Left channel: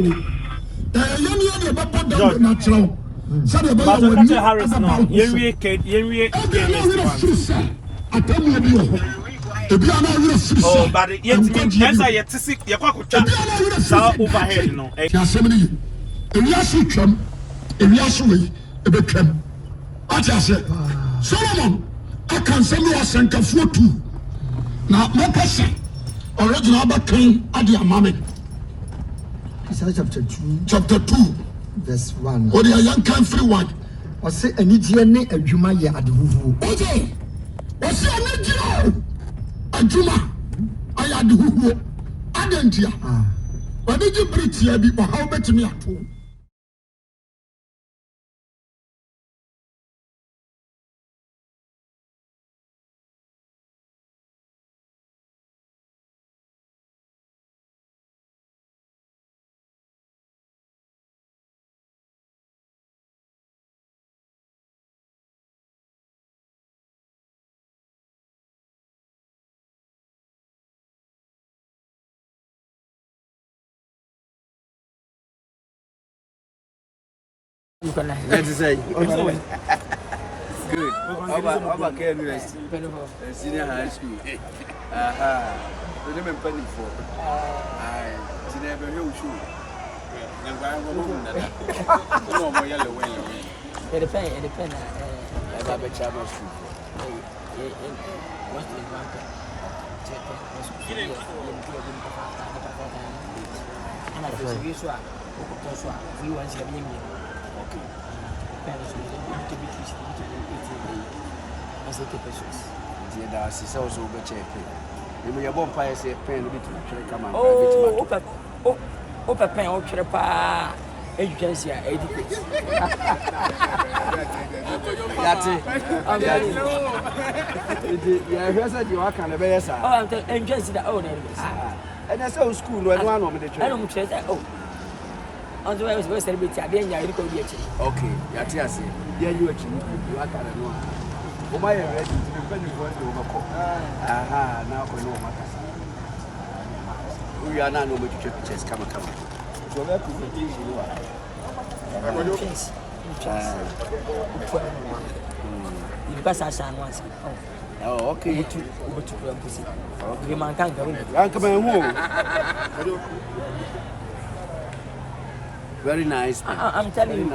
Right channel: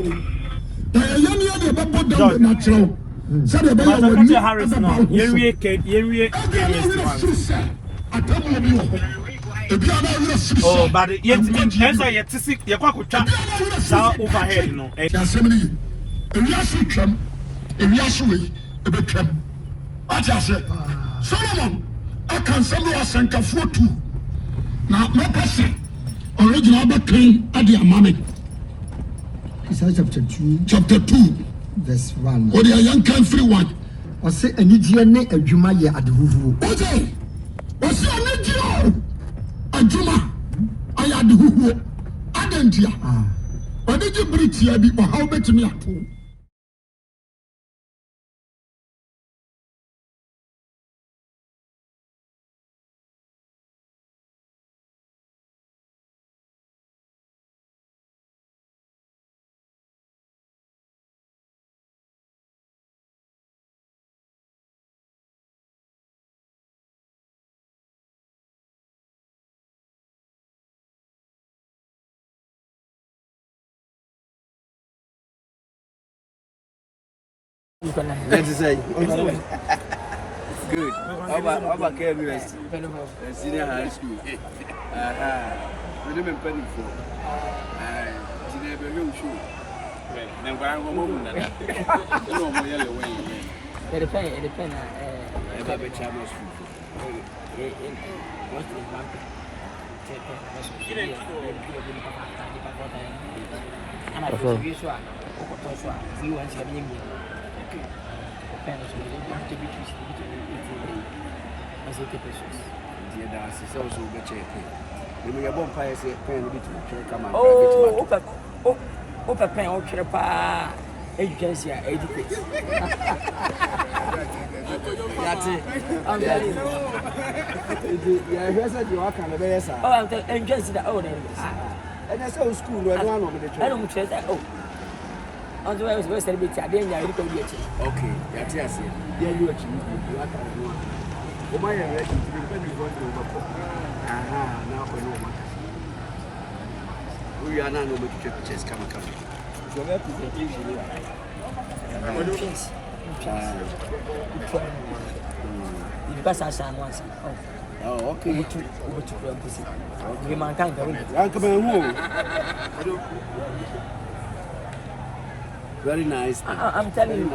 Oh, but yet means answer yet to see your cockle overhead, no. If you are so tram, if you are so way, a bit tram. I say, Solomon, I can send you a center for two. Now, my person, original but king at the mammy. Isaiah chapter 2, verse 1. Or the young country one. Or say, a Nidiane, a Juma ya at the Huvu. Okay. Or say, a Juma, I had the Huvu. I didn't hear. But did you breathe here before how much me at home? Let's say. Good. How about KNUST? Senior high school. The name of penny for. I never hear you. And I'm going to no more yellow way. It depends. I have a channel school. What is market? And I feel this one. We want to be agency educate. That's it. I'm telling you. Yeah, here's what you are kind of better. Oh, I'm telling you, agency that own. And that's how school when one of the I don't trust that. Oh. On the way I was going to celebrate, I didn't know you could be a chief. Okay, that's it. Yeah, you actually you are kind of know. Oh, my, I'm ready to be going to overcome. Aha, now for you. We are not going to check chess. Come. So, where presentation you are? Entrance. Because I saw once. Oh, okay. Over to pussy. Okay, man can't go in. Uncle, home. Very nice. I'm telling you.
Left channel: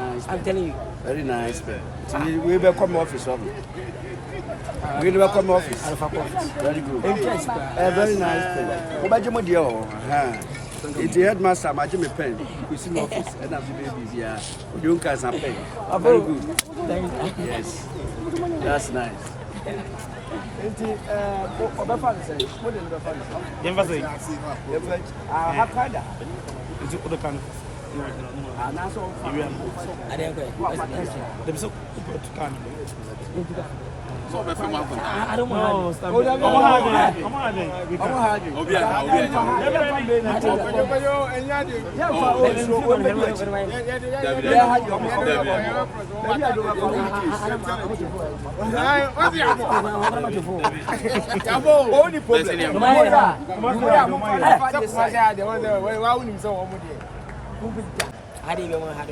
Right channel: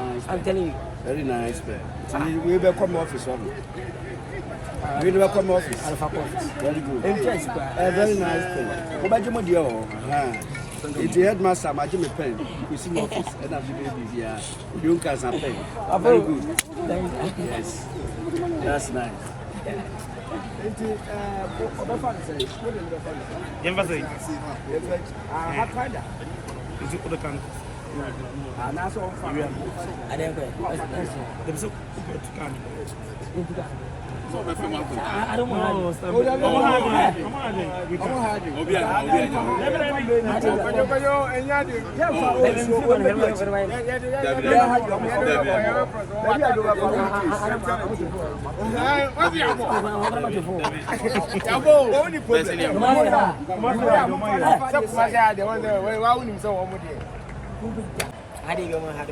Very nice. We will come office. We will come office. Very good. Very nice. What about your deal? It's the headmaster, my Jimmy Pen. We see office and after babies here. Nkansah pen. Very good. Yes. That's nice. I don't I didn't go ahead.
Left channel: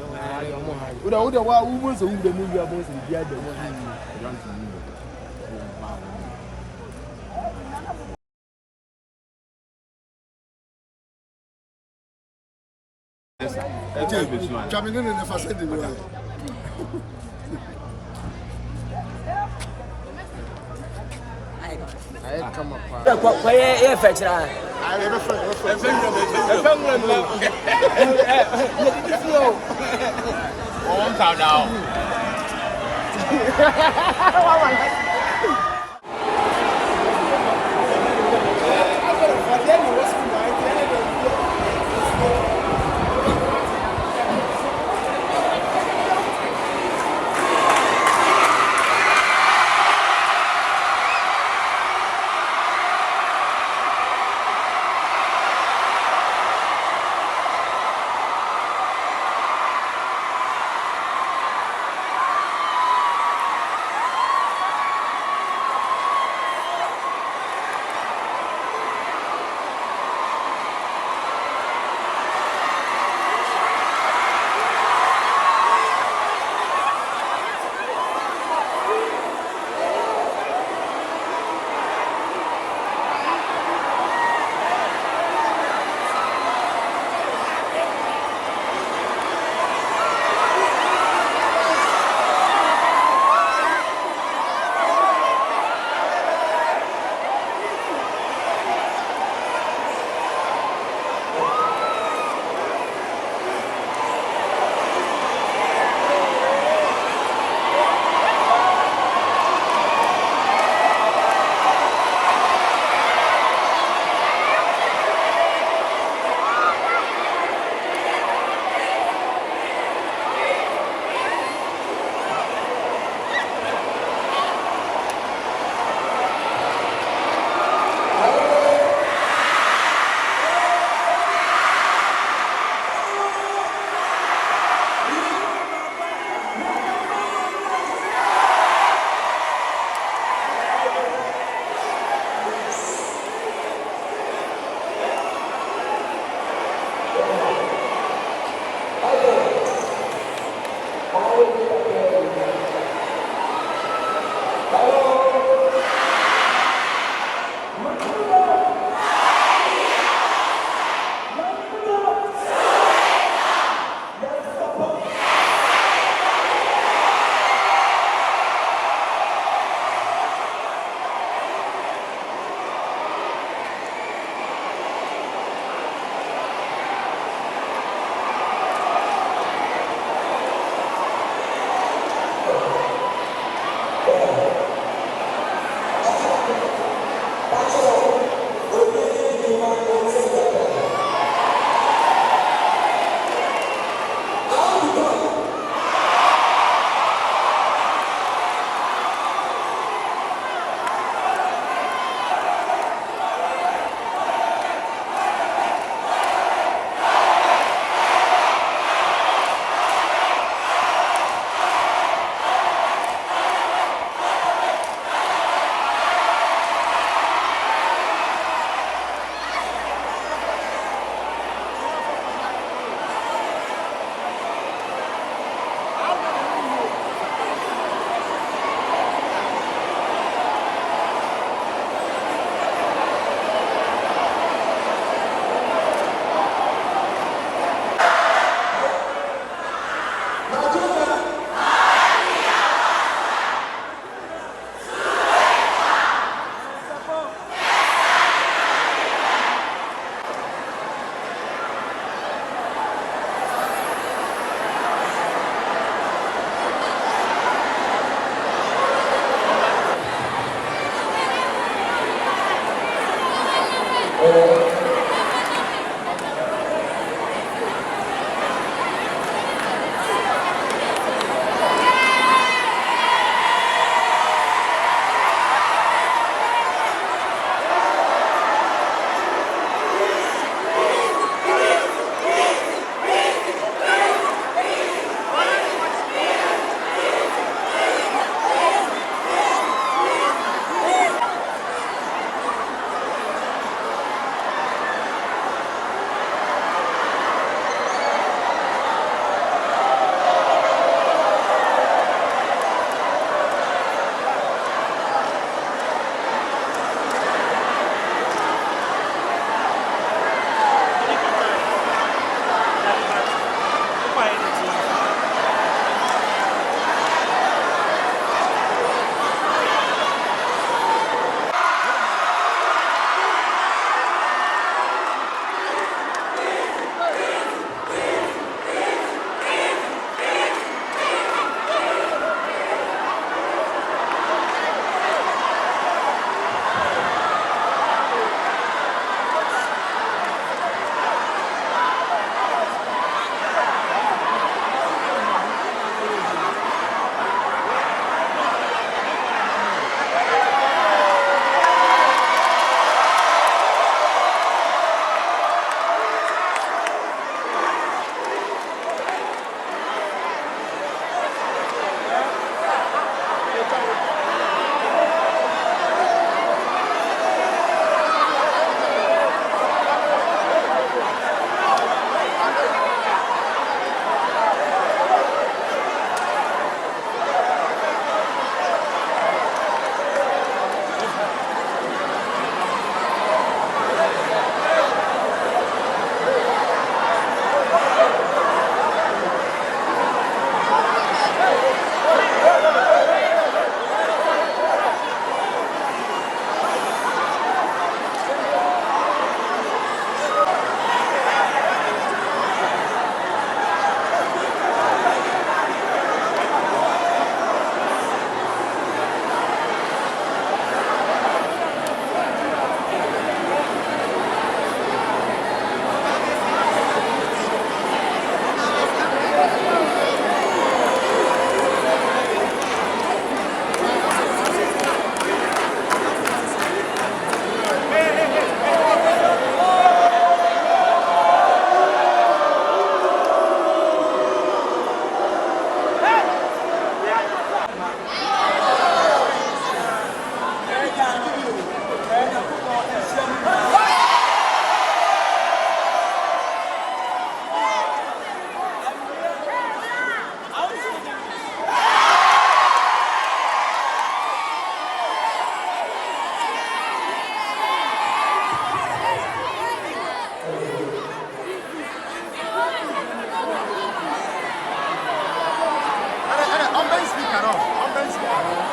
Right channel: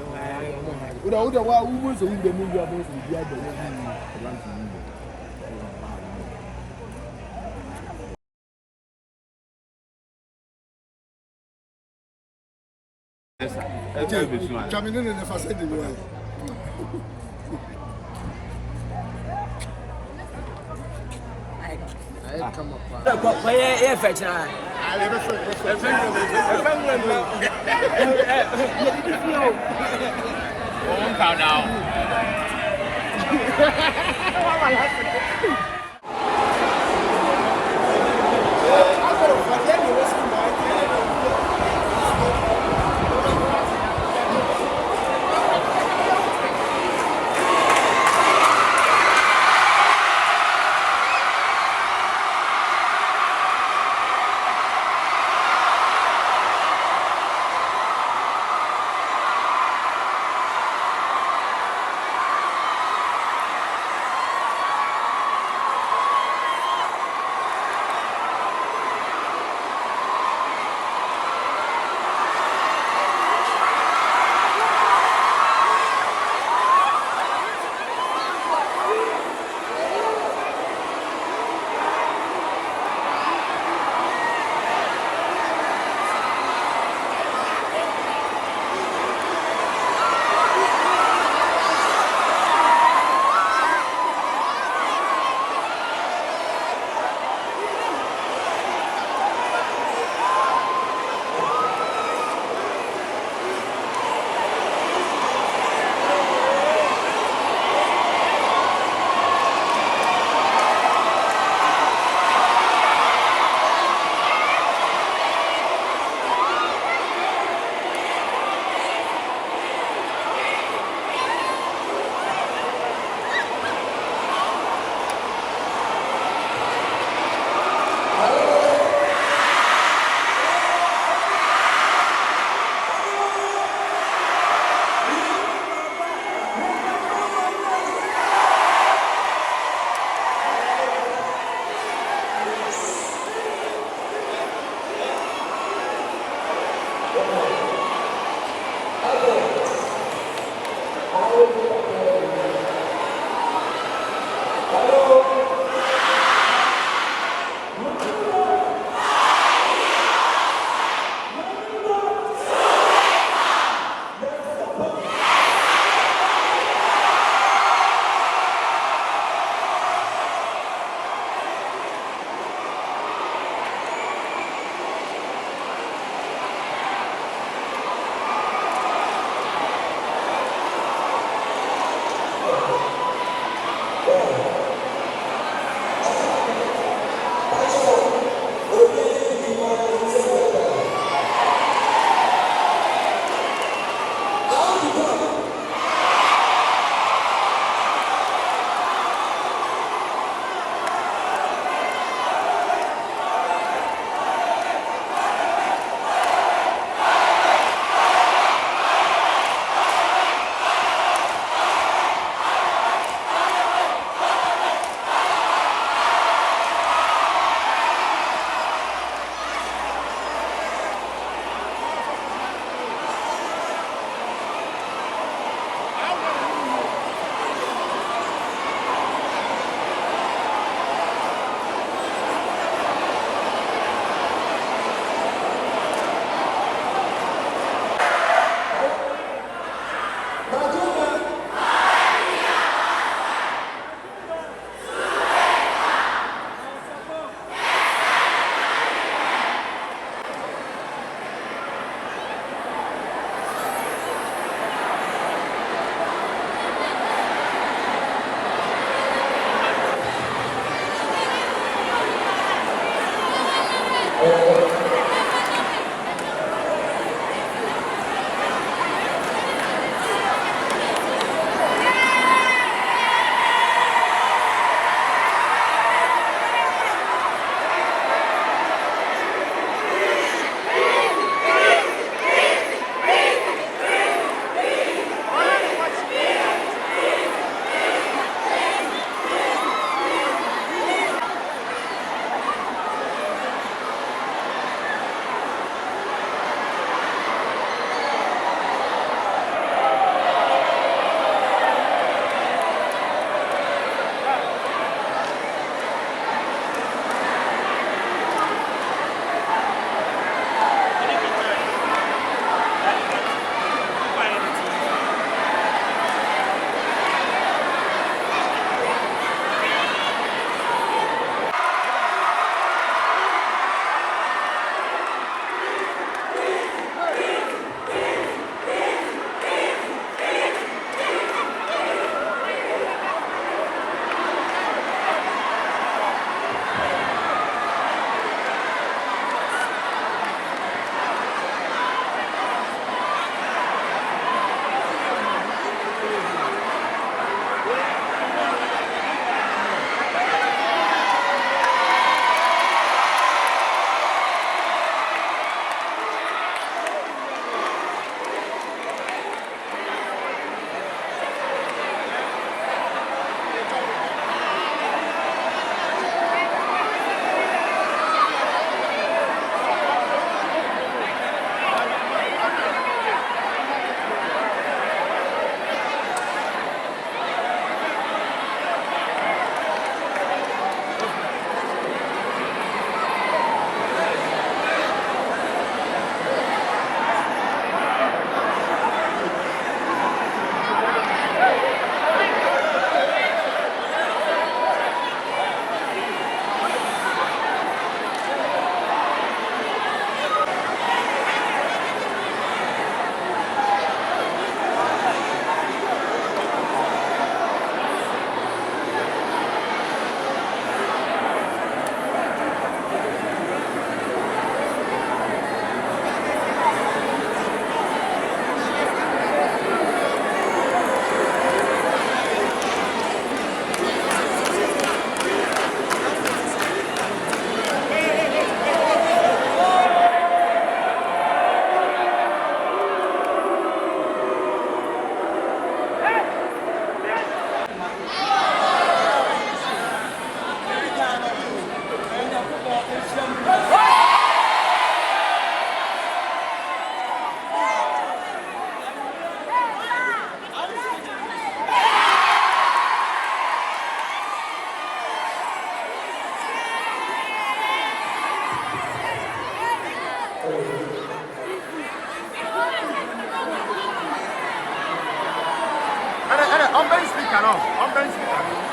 speaker no. Open speaker.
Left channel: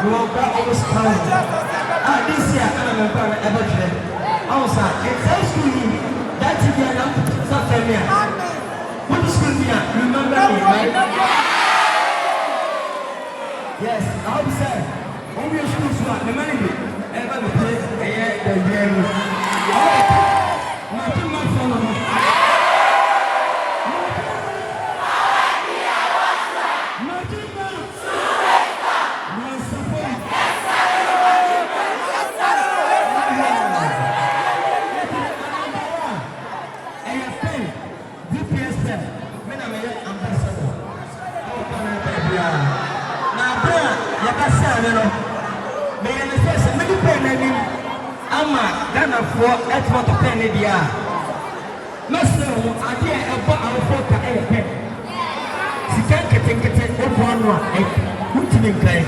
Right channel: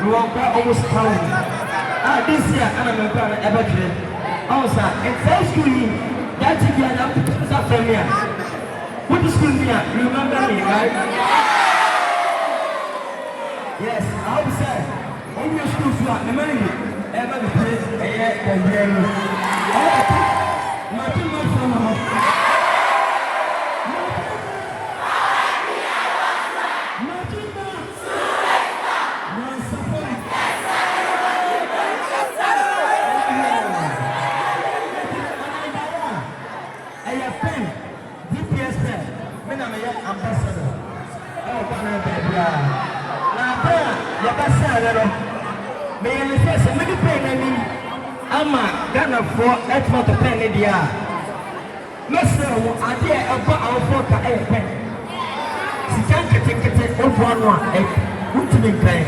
We will go almost time. This year, I'm a parent ever today. Also, in first school, that's again, not familiar. What is school here? You remember me, right? Yes, I'll be saying, all your schools are the many ever the place, and nothing much for me. For export of Canada. No, sir, I hear about our photo. She can't get it over one. Who's in the play?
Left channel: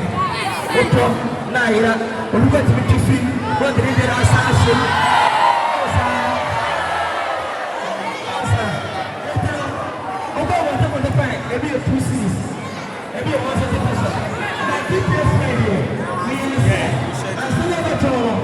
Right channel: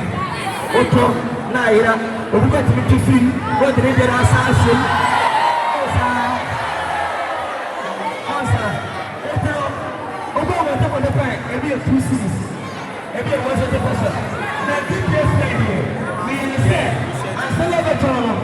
Otto, Naira, or what to see what the river assassin. Although whatever the time, every 2 seasons, every was a difference. I still have a problem.